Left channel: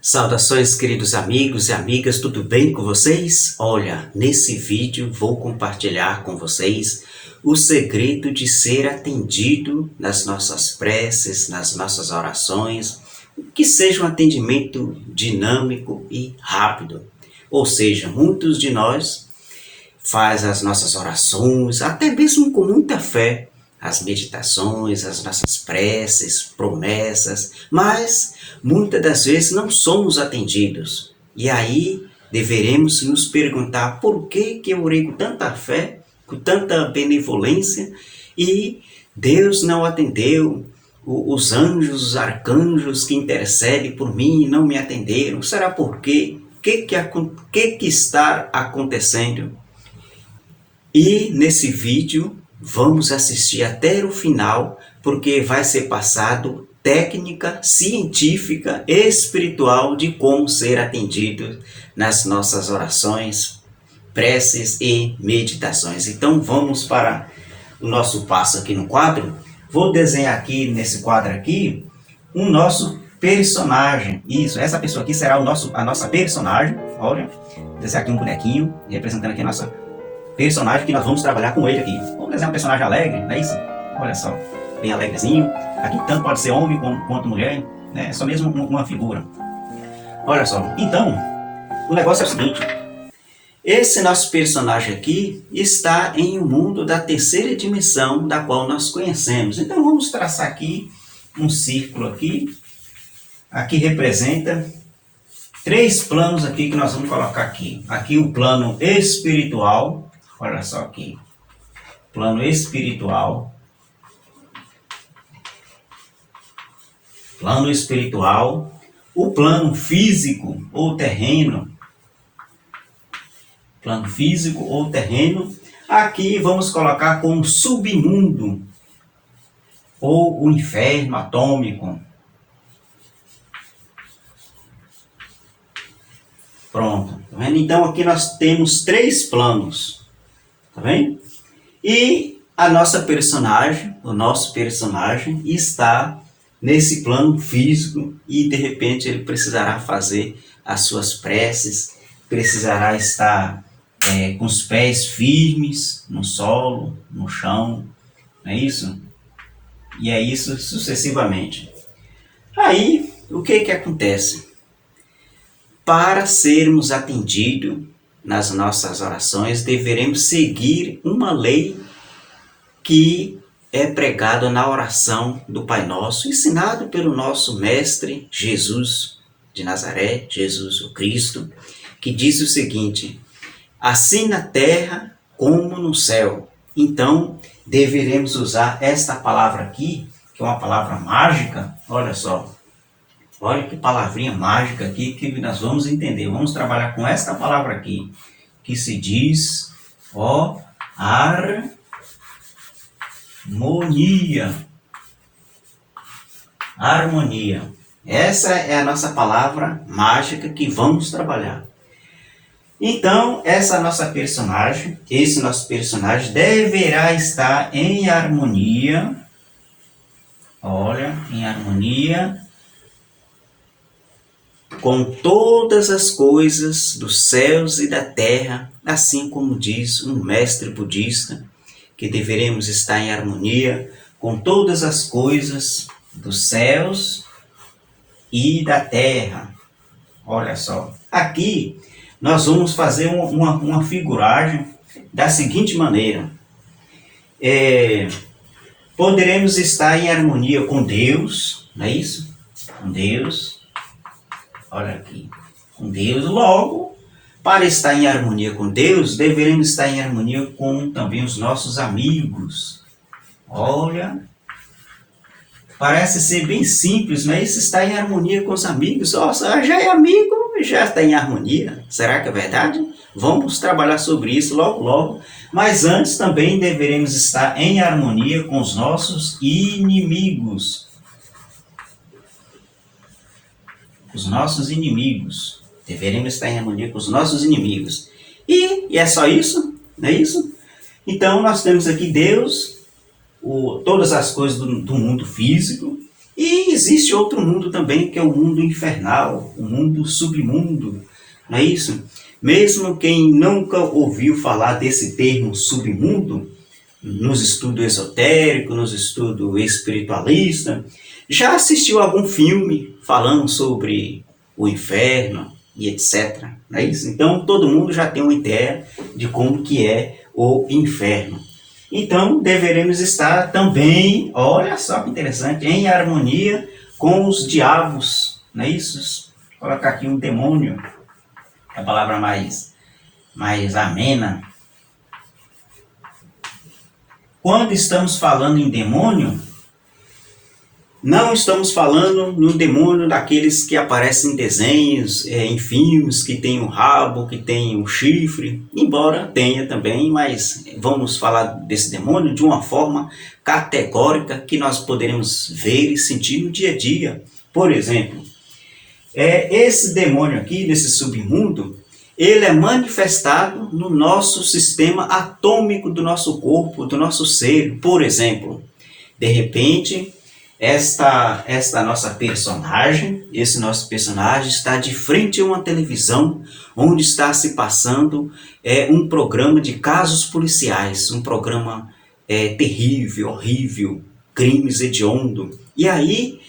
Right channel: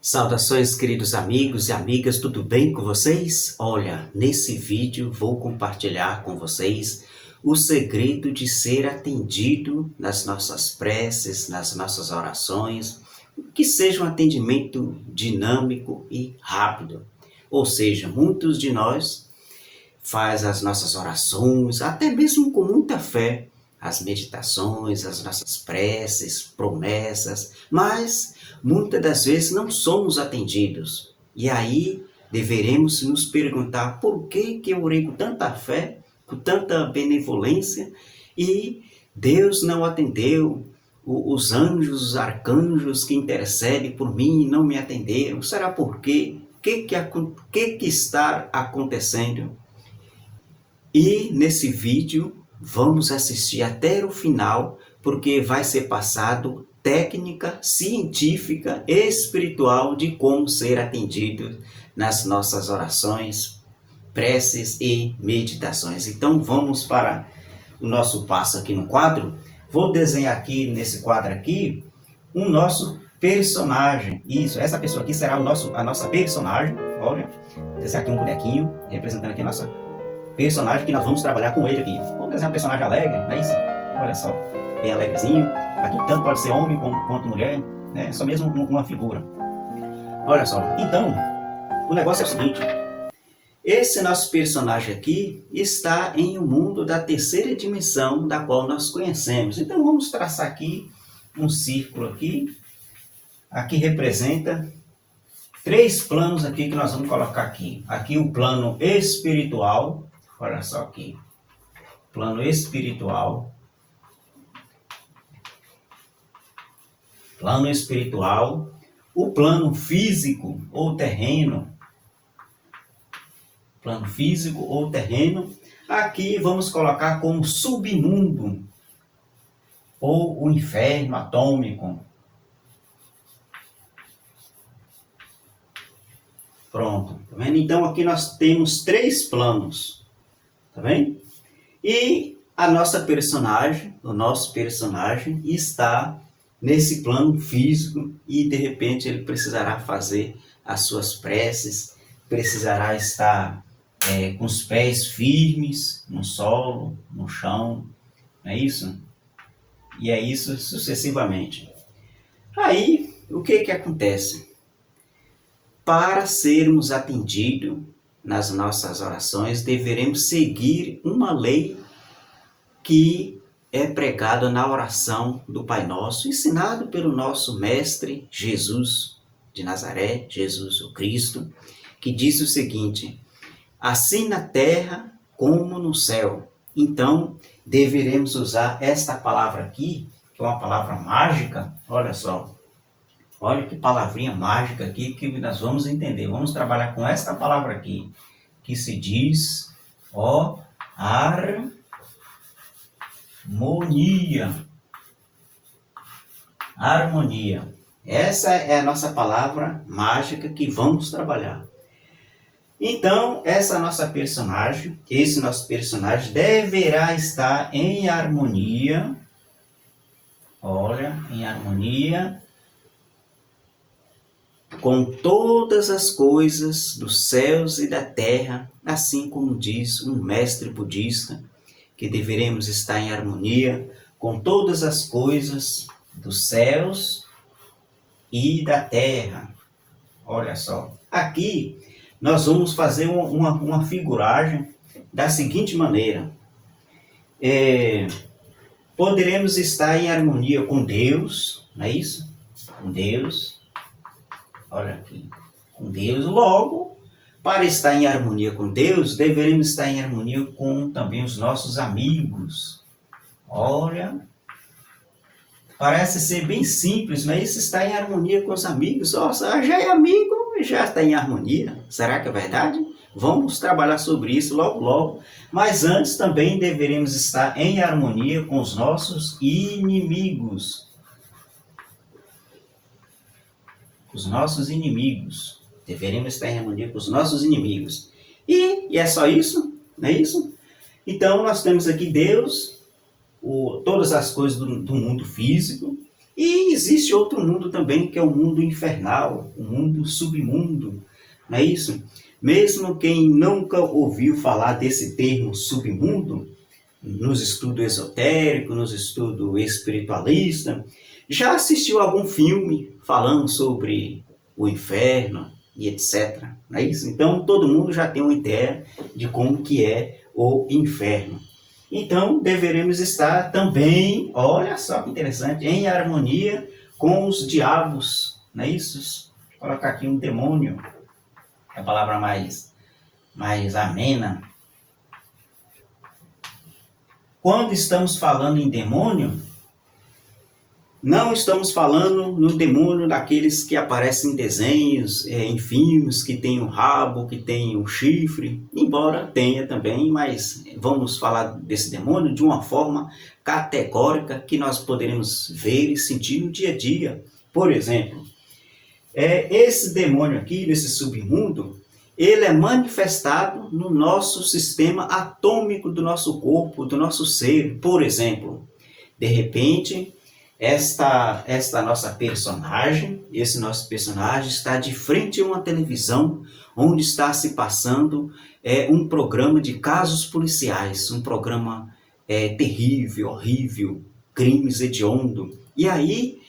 Saudações, queridos amigos e amigas, tudo bem com vocês? Olha, nesse vídeo vou compartilhar com vocês o segredo de ser atendido nas nossas preces, nas nossas orações, que seja um atendimento dinâmico e rápido. Ou seja, muitos de nós faz as nossas orações, até mesmo com muita fé, as meditações, as nossas preces, promessas, mas muitas das vezes não somos atendidos. E aí deveremos nos perguntar por que eu orei com tanta fé, com tanta benevolência e Deus não atendeu, os anjos, os arcanjos que intercedem por mim não me atenderam. Será por quê? O que está acontecendo? E nesse vídeo vamos assistir até o final, porque vai ser passado técnica científica e espiritual de como ser atendido nas nossas orações, preces e meditações. Então vamos para o nosso passo aqui no quadro. Vou desenhar aqui nesse quadro aqui um nosso personagem. Isso, essa pessoa aqui será a nossa personagem. Olha, vou desenhar aqui um bonequinho representando aqui a nossa personagem que nós vamos trabalhar com ele aqui. Vamos desenhar um personagem alegre, não é isso? Olha só, bem alegrezinho. Aqui tanto pode ser homem quanto mulher, né? É só mesmo uma figura. Olha só, então, o negócio é o seguinte. Esse nosso personagem aqui está em um mundo da terceira dimensão, da qual nós conhecemos. Então vamos traçar aqui um círculo aqui. Aqui representa 3 planos aqui que nós vamos colocar aqui. Aqui o plano espiritual. Olha só aqui, plano espiritual, o plano físico ou terreno, aqui vamos colocar como submundo ou o inferno atômico. Pronto, tá vendo? Então aqui nós temos 3 planos. Tá bem? E a nossa personagem, o nosso personagem está nesse plano físico e de repente ele precisará fazer as suas preces, precisará estar com os pés firmes no solo, no chão, não é isso? E é isso sucessivamente. Aí, o que acontece? Para sermos atendidos nas nossas orações, deveremos seguir uma lei que é pregada na oração do Pai Nosso, ensinado pelo nosso Mestre Jesus de Nazaré, Jesus o Cristo, que diz o seguinte: assim na terra como no céu. Então, deveremos usar esta palavra aqui, que é uma palavra mágica. Olha só, olha que palavrinha mágica aqui que nós vamos entender. Vamos trabalhar com esta palavra aqui, que se diz, harmonia. Harmonia. Essa é a nossa palavra mágica que vamos trabalhar. Então, esse nosso personagem deverá estar em harmonia. Olha, em harmonia com todas as coisas dos céus e da terra, assim como diz um mestre budista, que deveremos estar em harmonia com todas as coisas dos céus e da terra. Olha só, aqui nós vamos fazer uma figuragem da seguinte maneira. Poderemos estar em harmonia com Deus, não é isso? Com Deus. Olha aqui, com Deus. Logo, para estar em harmonia com Deus, devemos estar em harmonia com também os nossos amigos. Olha, parece ser bem simples, mas estar em harmonia com os amigos. Nossa, já é amigo, já está em harmonia. Será que é verdade? Vamos trabalhar sobre isso logo, logo. Mas antes também deveremos estar em harmonia com os nossos inimigos. Os nossos inimigos. Deveremos estar em harmonia com os nossos inimigos. E é só isso? Não é isso? Então nós temos aqui Deus, todas as coisas do mundo físico, E existe outro mundo também, que é o mundo infernal, o mundo submundo, não é isso? Mesmo quem nunca ouviu falar desse termo submundo, nos estudos esotéricos, nos estudos espiritualistas, já assistiu algum filme falando sobre o inferno e etc. Não é isso? Então todo mundo já tem uma ideia de como que é o inferno. Então deveremos estar também, olha só que interessante, em harmonia com os diabos, não é isso? Vou colocar aqui um demônio, é a palavra mais amena. Quando estamos falando em demônio, não estamos falando no demônio daqueles que aparecem em desenhos, em filmes, que tem um rabo, que tem um chifre, embora tenha também, mas vamos falar desse demônio de uma forma categórica que nós poderemos ver e sentir no dia a dia. Por exemplo, esse demônio aqui, desse submundo, ele é manifestado no nosso sistema atômico do nosso corpo, do nosso ser. Por exemplo, de repente, esta nossa personagem, esse nosso personagem está de frente a uma televisão onde está se passando um programa de casos policiais, um programa terrível, horrível, crimes hediondos. E aí,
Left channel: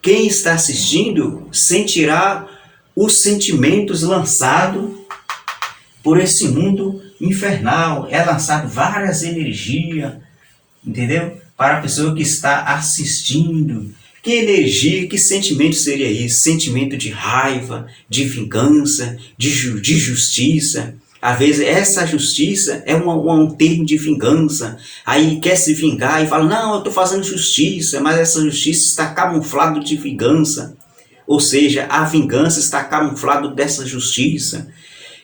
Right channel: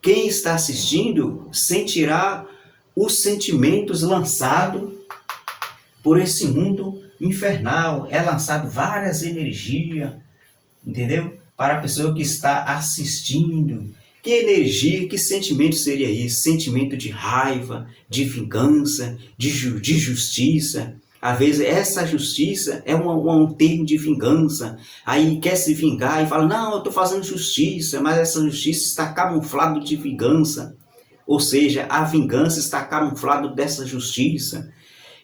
quem está assistindo sentirá os sentimentos lançados por esse mundo infernal. É lançado várias energias, entendeu? Para a pessoa que está assistindo. Que energia, que sentimento seria isso? Sentimento de raiva, de vingança, de justiça. Às vezes essa justiça é um termo de vingança. Aí quer se vingar e fala, não, eu estou fazendo justiça, mas essa justiça está camuflada de vingança. Ou seja, a vingança está camuflada dessa justiça.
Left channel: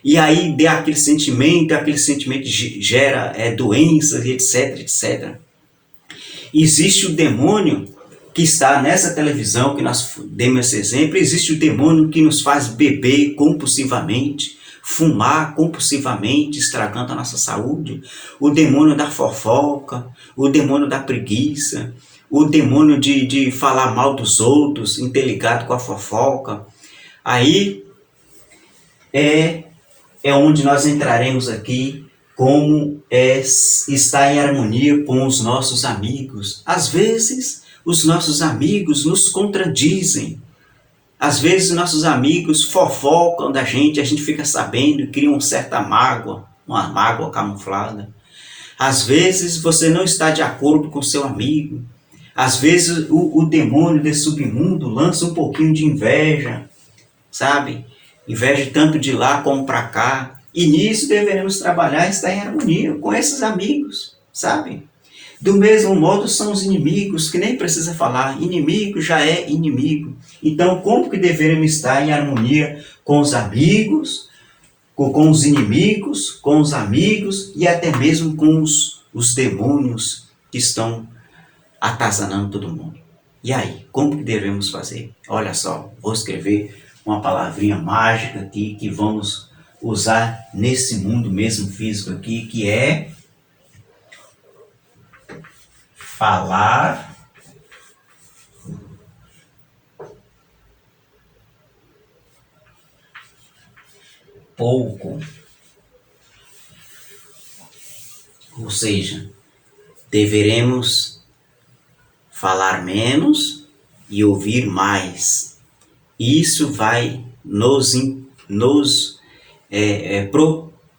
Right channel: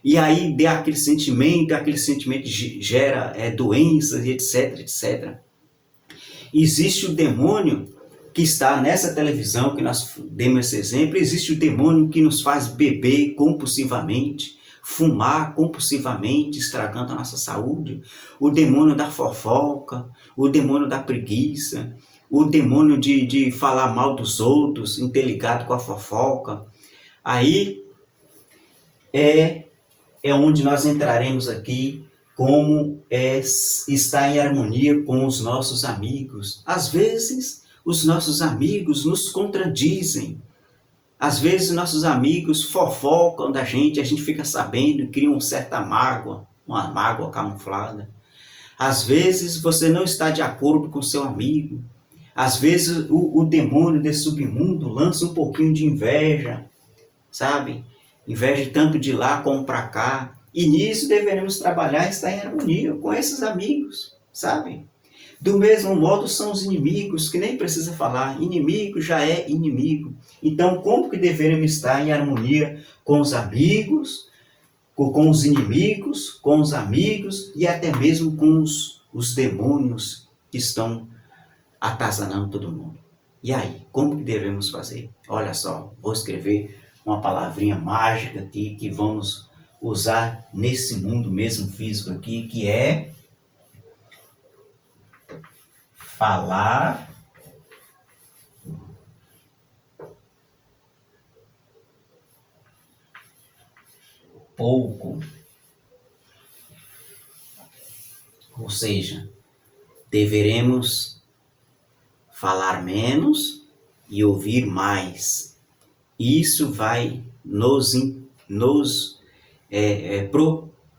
E aí dê aquele sentimento gera doenças, etc, etc. Existe o demônio que está nessa televisão, que nós demos esse exemplo, existe o demônio que nos faz beber compulsivamente, fumar compulsivamente, estragando a nossa saúde, o demônio da fofoca, o demônio da preguiça, o demônio de falar mal dos outros, interligado com a fofoca. Aí é onde nós entraremos aqui, como estar em harmonia com os nossos amigos. Às vezes, os nossos amigos nos contradizem. Às vezes, nossos amigos fofocam da gente, a gente fica sabendo e cria uma certa mágoa, uma mágoa camuflada. Às vezes, você não está de acordo com seu amigo. Às vezes, o demônio desse submundo lança um pouquinho de inveja, sabe? Inveja tanto de lá como para cá. E nisso deveremos trabalhar e estar em harmonia com esses amigos, sabe? Do mesmo modo são os inimigos, que nem precisa falar, inimigo já é inimigo. Então como que deveremos estar em harmonia com os amigos, com os inimigos, com os amigos e até mesmo com os demônios que estão atazanando todo mundo? E aí, como que devemos fazer? Olha só, vou escrever uma palavrinha mágica aqui que vamos usar nesse mundo mesmo físico aqui, que é falar pouco. Ou seja, deveremos falar menos e ouvir mais. Isso vai nos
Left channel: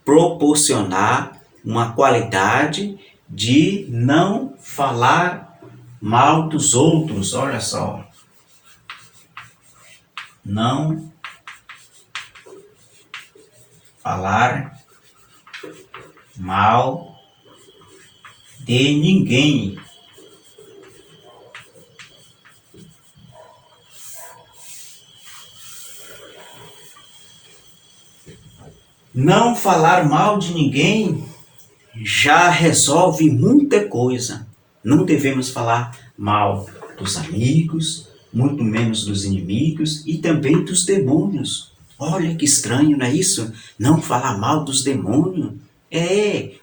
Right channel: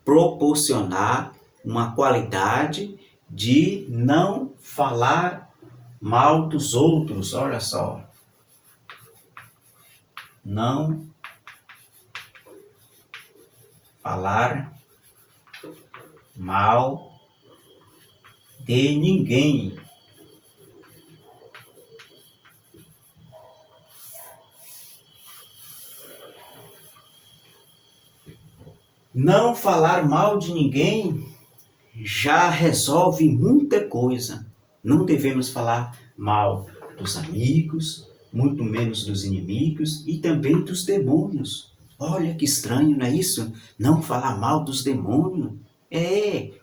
proporcionar uma qualidade de não falar mal dos outros. Olha só, não falar mal de ninguém. Não falar mal de ninguém já resolve muita coisa. Não devemos falar mal dos amigos, muito menos dos inimigos e também dos demônios. Olha que estranho, não é isso? Não falar mal dos demônios.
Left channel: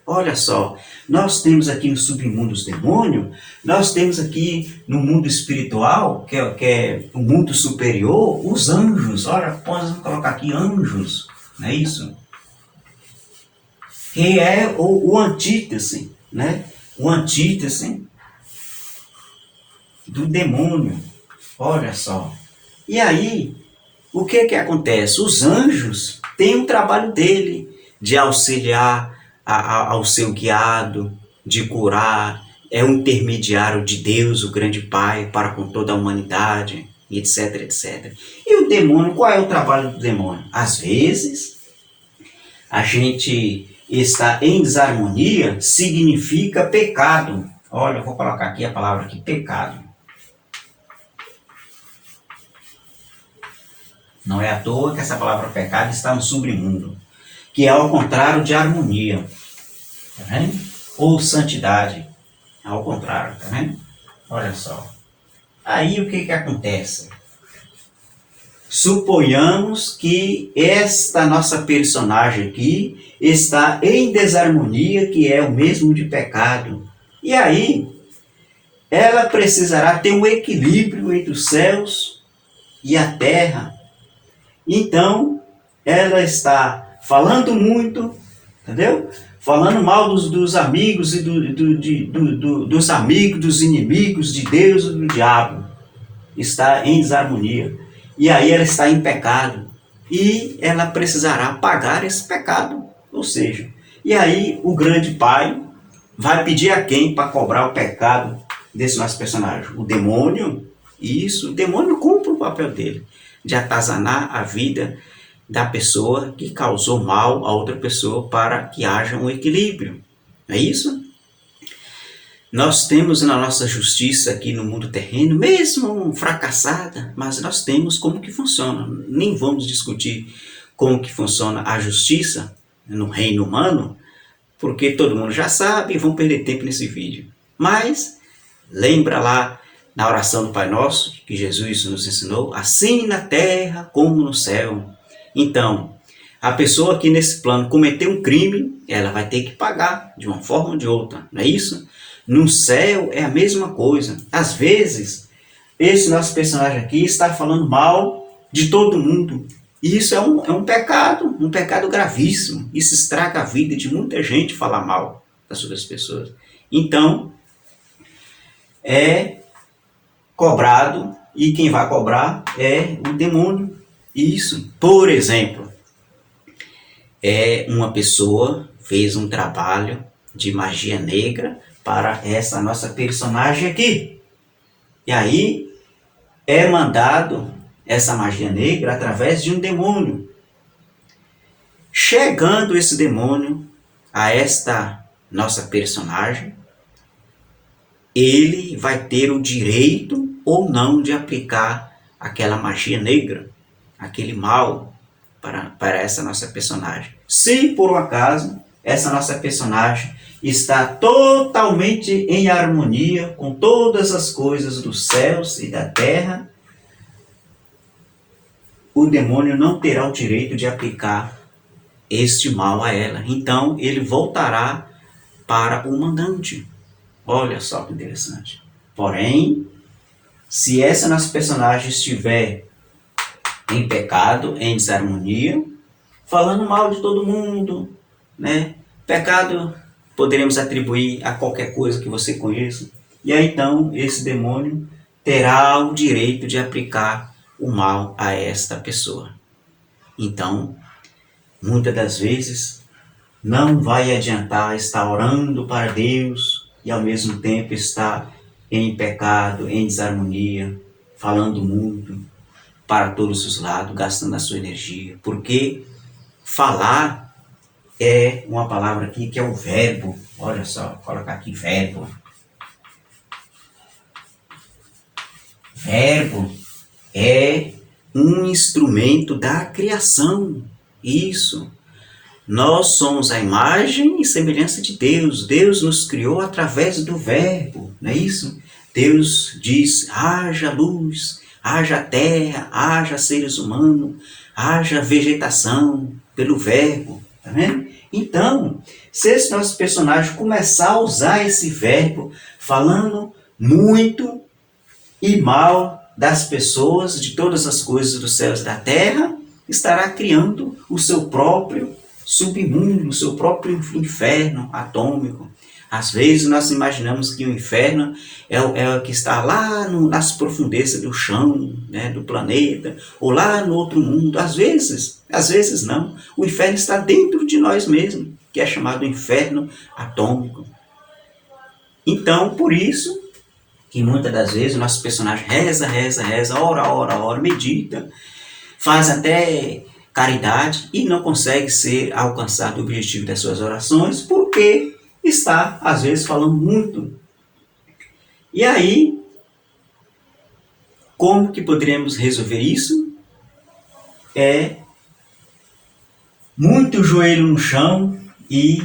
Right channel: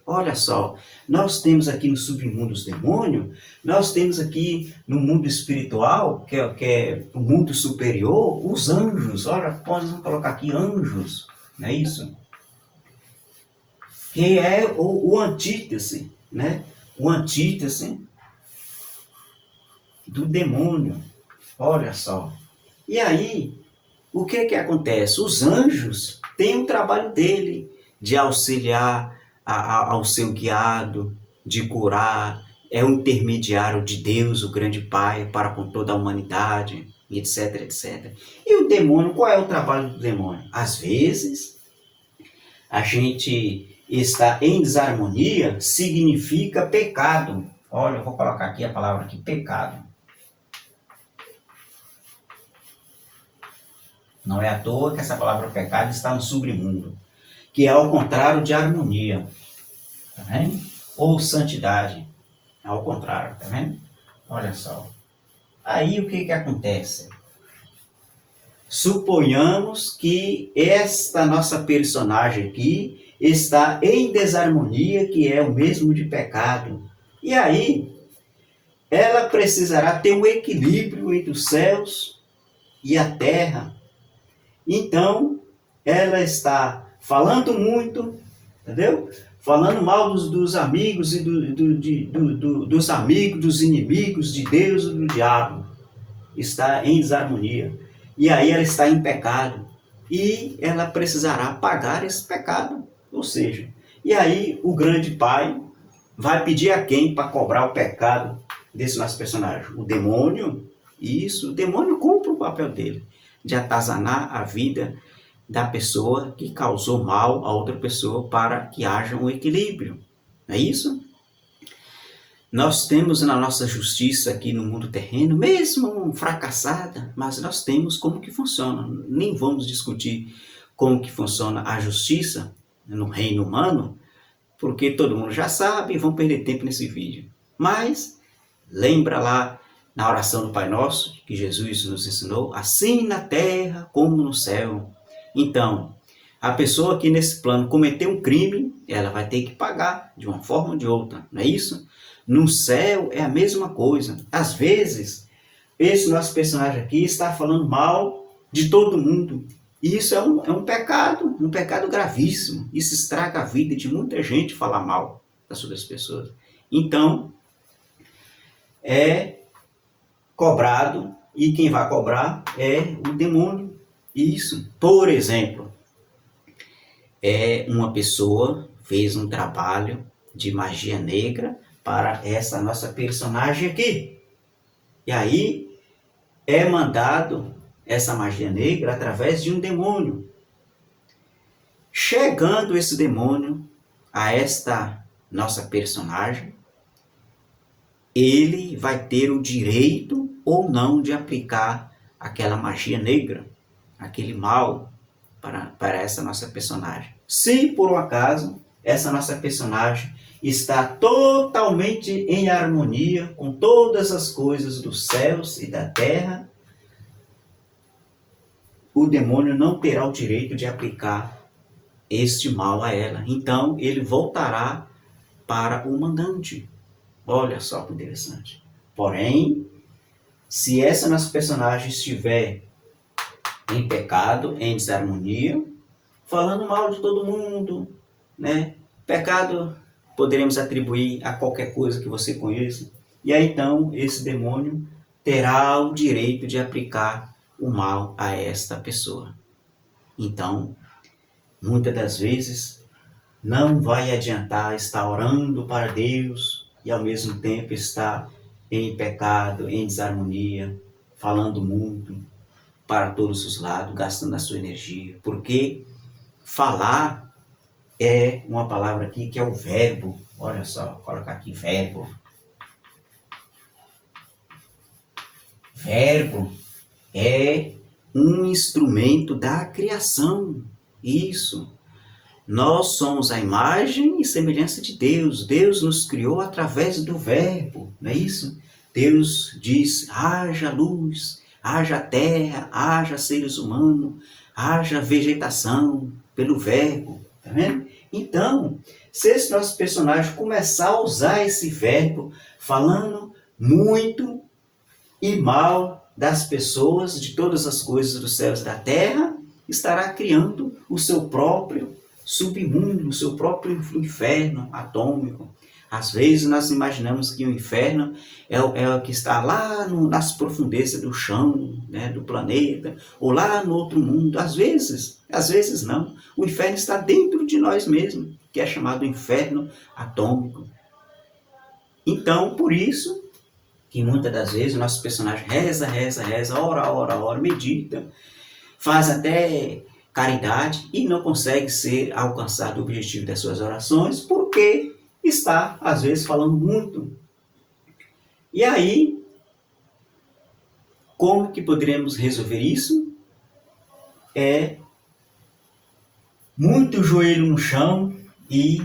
Olha só, nós temos aqui no submundo os demônios, nós temos aqui no mundo espiritual, que é o mundo superior, os anjos. Olha, podemos colocar aqui anjos, não é isso? Que é o antítese, né? O antítese do demônio. Olha só. E aí, o que acontece? Os anjos têm um trabalho dele de auxiliar ao seu guiado, de curar, é o intermediário de Deus, o grande Pai, para com toda a humanidade, etc, etc. E o demônio, qual é o trabalho do demônio? Às vezes, a gente está em desarmonia, significa pecado. Olha, eu vou colocar aqui a palavra aqui, pecado. Não é à toa que essa palavra pecado está no submundo, que é ao contrário de harmonia, tá vendo? Ou santidade, ao contrário, tá vendo? Olha só. Aí o que acontece? Suponhamos que esta nossa personagem aqui está em desarmonia, que é o mesmo de pecado. E aí, ela precisará ter um equilíbrio entre os céus e a terra. Então, ela está falando muito, entendeu? Falando mal dos amigos e dos amigos, dos inimigos de Deus e do diabo. Está em desarmonia. E aí ela está em pecado. E ela precisará pagar esse pecado. Ou seja, e aí o grande pai vai pedir a quem para cobrar o pecado desse nosso personagem? O demônio. Isso, o demônio cumpre o papel dele, de atazanar a vida da pessoa que causou mal a outra pessoa para que haja um equilíbrio. Não é isso? Nós temos na nossa justiça aqui no mundo terreno, mesmo fracassada, mas nós temos como que funciona. Nem vamos discutir como que funciona a justiça no reino humano, porque todo mundo já sabe e vão perder tempo nesse vídeo. Mas lembra lá na oração do Pai Nosso, que Jesus nos ensinou, assim na terra como no céu. Então, a pessoa que nesse plano cometeu um crime, ela vai ter que pagar de uma forma ou de outra, não é isso? No céu é a mesma coisa. Às vezes, esse nosso personagem aqui está falando mal de todo mundo. E isso é um pecado gravíssimo. Isso estraga a vida de muita gente falar mal das outras pessoas. Então, é cobrado, e quem vai cobrar é o demônio. Isso, por exemplo, uma pessoa fez um trabalho de magia negra para essa nossa personagem aqui. E aí é mandado essa magia negra através de um demônio. Chegando esse demônio a esta nossa personagem, ele vai ter o direito ou não de aplicar aquela magia negra, aquele mal para essa nossa personagem. Se por um acaso essa nossa personagem está totalmente em harmonia com todas as coisas dos céus e da terra, o demônio não terá o direito de aplicar este mal a ela. Então ele voltará para o mandante. Olha só que interessante. Porém, se essa nossa personagem estiver em pecado, em desarmonia, falando mal de todo mundo, né? Pecado poderemos atribuir a qualquer coisa que você conheça. E aí então esse demônio terá o direito de aplicar o mal a esta pessoa. Então, muitas das vezes, não vai adiantar estar orando para Deus e ao mesmo tempo estar em pecado, em desarmonia, falando muito para todos os lados, gastando a sua energia. Porque falar é uma palavra aqui que é o verbo. Olha só, vou colocar aqui verbo. Verbo é um instrumento da criação. Isso. Nós somos a imagem e semelhança de Deus. Deus nos criou através do verbo, não é isso? Deus diz, haja luz, haja terra, haja seres humanos, haja vegetação, pelo verbo, tá vendo? Então, se esse nosso personagem começar a usar esse verbo falando muito e mal das pessoas, de todas as coisas dos céus e da terra, estará criando o seu próprio submundo, o seu próprio inferno atômico. Às vezes nós imaginamos que o inferno é o que está lá nas profundezas do chão, né, do planeta, ou lá no outro mundo. Às vezes não. O inferno está dentro de nós mesmos, que é chamado inferno atômico. Então, por isso que muitas das vezes o nosso personagem reza, ora, medita, faz até caridade e não consegue ser alcançado o objetivo das suas orações porque está, às vezes, falando muito. E aí, como que poderíamos resolver isso? Muito joelho no chão e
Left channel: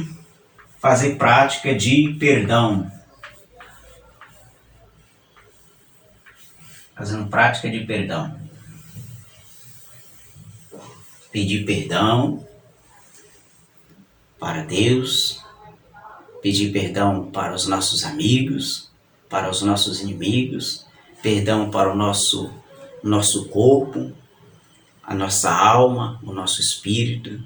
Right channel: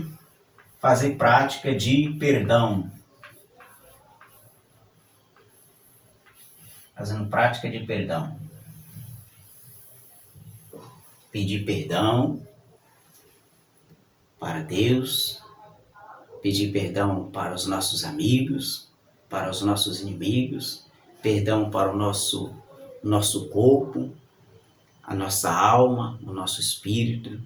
fazer prática de perdão. Fazendo prática de perdão. Pedir perdão para Deus, pedir perdão para os nossos amigos, para os nossos inimigos, perdão para o nosso corpo, a nossa alma, o nosso espírito,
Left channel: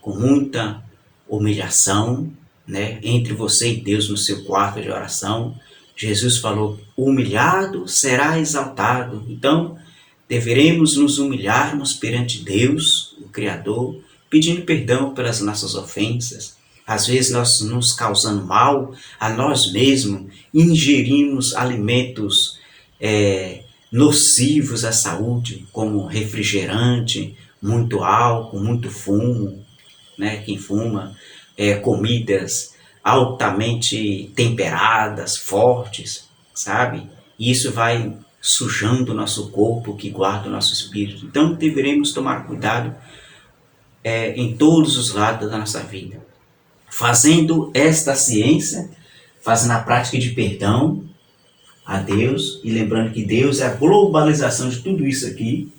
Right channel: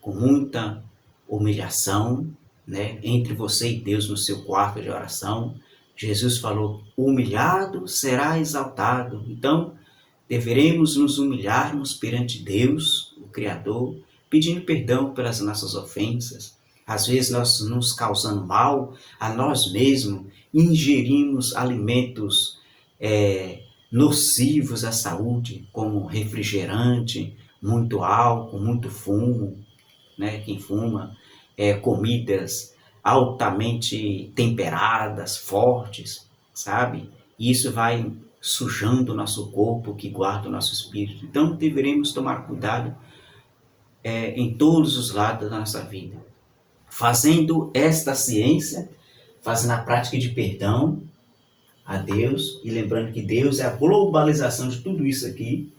com muita humilhação, né? Entre você e Deus no seu quarto de oração. Jesus falou, humilhado será exaltado. Então, deveremos nos humilharmos perante Deus, o Criador, pedindo perdão pelas nossas ofensas. Às vezes nós nos causando mal a nós mesmos, ingerimos alimentos nocivos à saúde, como refrigerante, muito álcool, muito fumo, né? Quem fuma, comidas altamente temperadas, fortes, sabe? E isso vai sujando o nosso corpo que guarda o nosso espírito. Então deveremos tomar cuidado em todos os lados da nossa vida. Fazendo esta ciência, fazendo a prática de perdão a Deus, e lembrando que Deus é a globalização de tudo isso aqui,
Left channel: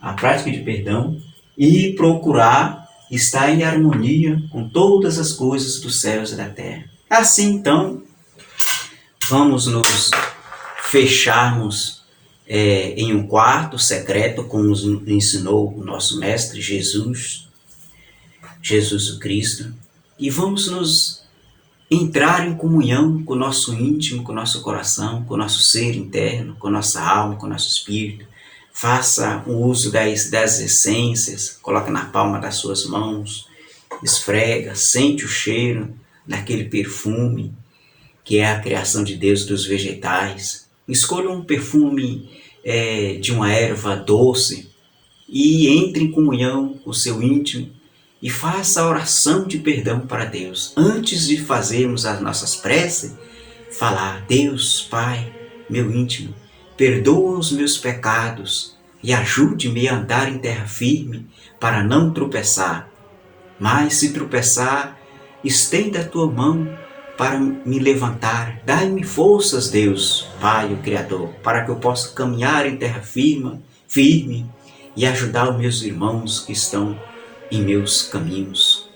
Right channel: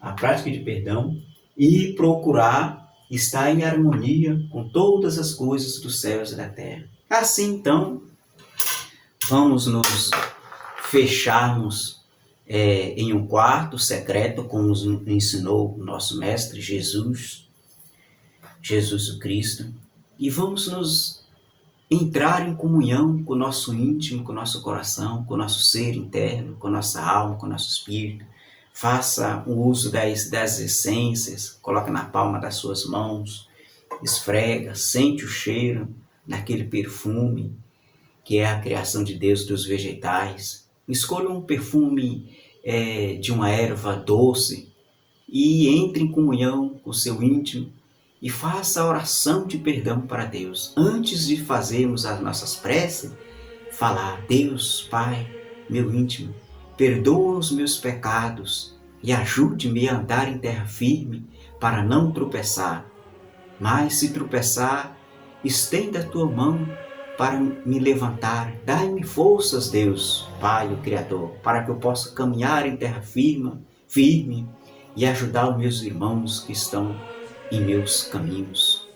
a prática de perdão, e procurar estar em harmonia com todas as coisas dos céus e da terra. Assim, então, vamos nos fecharmos em um quarto secreto, como nos ensinou o nosso Mestre Jesus o Cristo, e vamos nos entrar em comunhão com o nosso íntimo, com o nosso coração, com o nosso ser interno, com a nossa alma, com o nosso espírito. Faça o uso das essências, coloca na palma das suas mãos, esfrega, sente o cheiro daquele perfume que é a criação de Deus dos vegetais. Escolha um perfume de uma erva doce e entre em comunhão com o seu íntimo e faça a oração de perdão para Deus. Antes de fazermos as nossas preces, falar, Deus, Pai, meu íntimo, perdoa os meus pecados e ajude-me a andar em terra firme para não tropeçar. Mas se tropeçar, estenda a tua mão para me levantar. Dai-me forças, Deus, Pai, o Criador, para que eu possa caminhar em terra firme e ajudar os meus irmãos que estão em meus caminhos.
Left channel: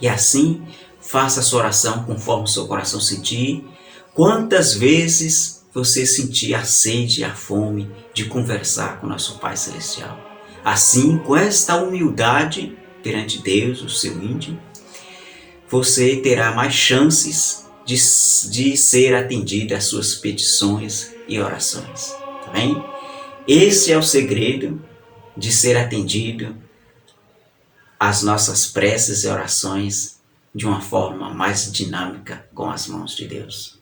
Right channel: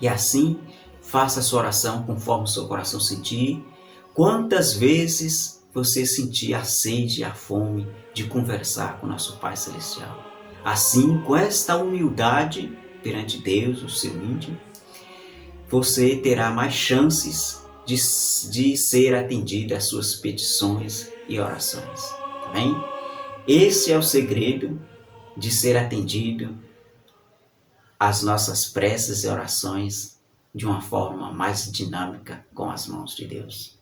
E assim, faça a sua oração conforme o seu coração sentir. Quantas vezes você sentir a sede e a fome de conversar com nosso Pai Celestial. Assim, com esta humildade perante Deus, o seu íntimo, você terá mais chances de ser atendido às suas petições e orações. Tá bem? Esse é o segredo de ser atendido às nossas preces e orações de uma forma mais dinâmica com as mãos de Deus.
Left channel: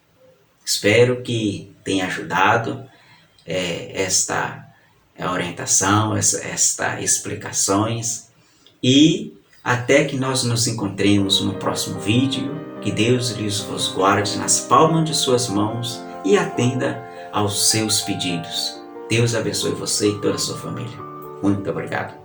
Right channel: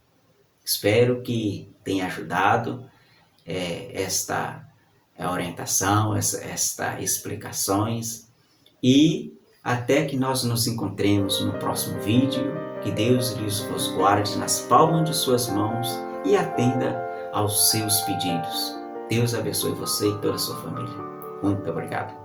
Espero que tenha ajudado esta orientação, estas explicações, e até que nós nos encontremos no próximo vídeo, que Deus vos guarde nas palmas de suas mãos e atenda aos seus pedidos. Deus abençoe você e toda a sua família. Muito obrigado.